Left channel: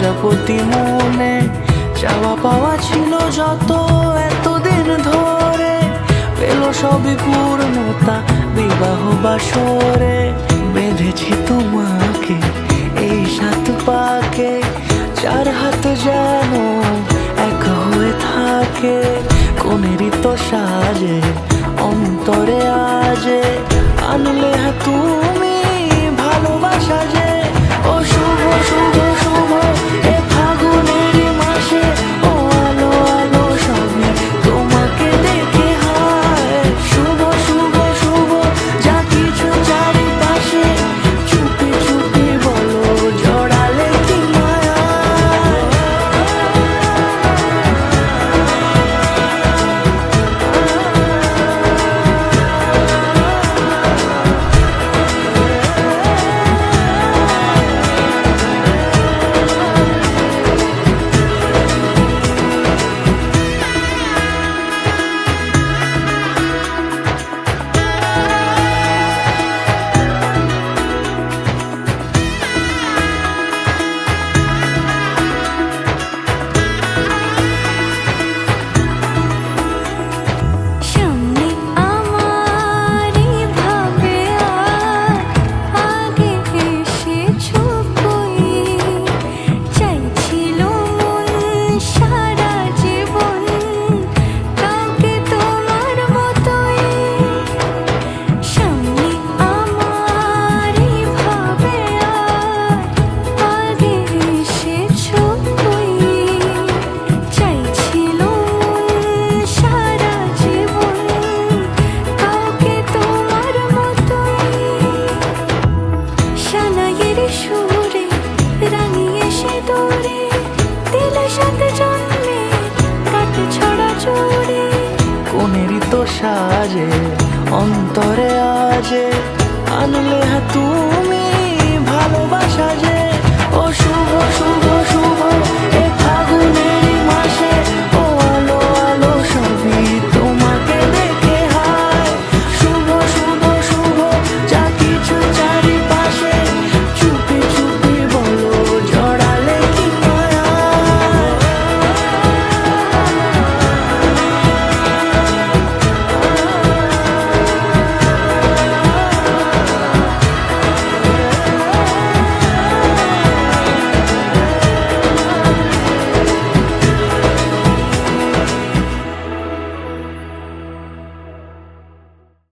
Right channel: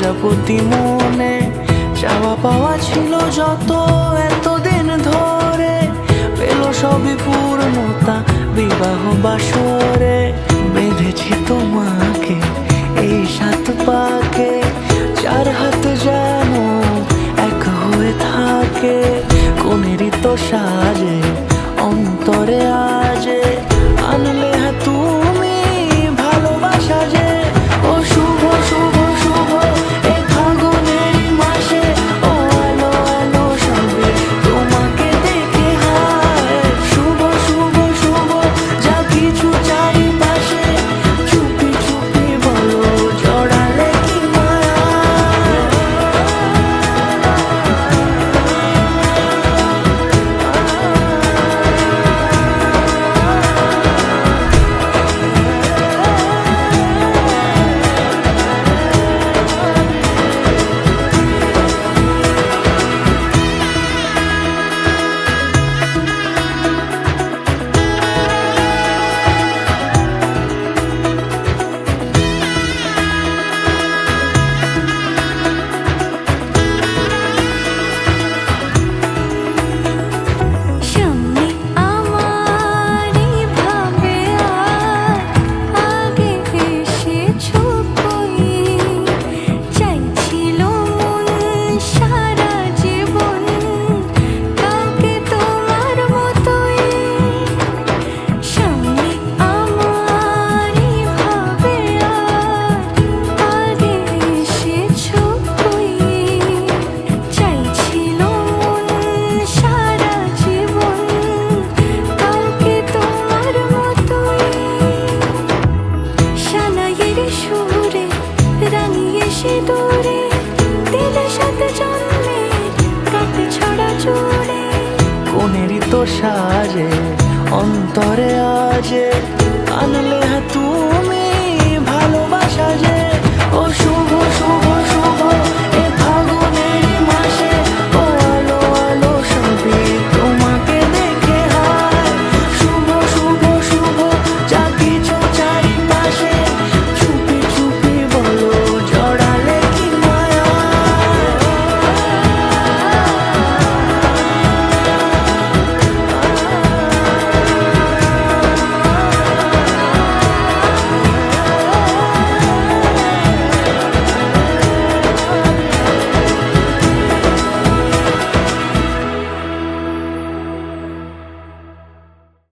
প্রজাপতি মনে চাওয়া পাওয়া ছিল যত এতদিন ধরে, পেল সবই পূর্ণতা বিবাহ বাসরে। বেঁধেছি তোমাকে এই 7 পাকে, 4 হাত যেন এক হয়ে থাকে। কোনেরই তো সাজে অন্তরে আজে, আনলে হ্যাঁ তুমি ভালোবাসা যে। ও শুভ শুভ শুভ এ ফাগুনেরই মাসে, ও আলো আলো সবই তোমাকে দেখে হায়। শুভ শুভ শুভ যা কিছু চারিপাশে, চুপি চুপি বলো জড়ালে কি মায়া। সুরে রাঙিয়ে সে দূরে দিলে 7 জন্মের কাট ছড়া জোড়ে। কোনেরই তো সাজে অন্তরে আজে, আনলে হ্যাঁ তুমি ভালোবাসা যে। ও শুভ শুভ শুভ এ ফাগুনেরই মাসে,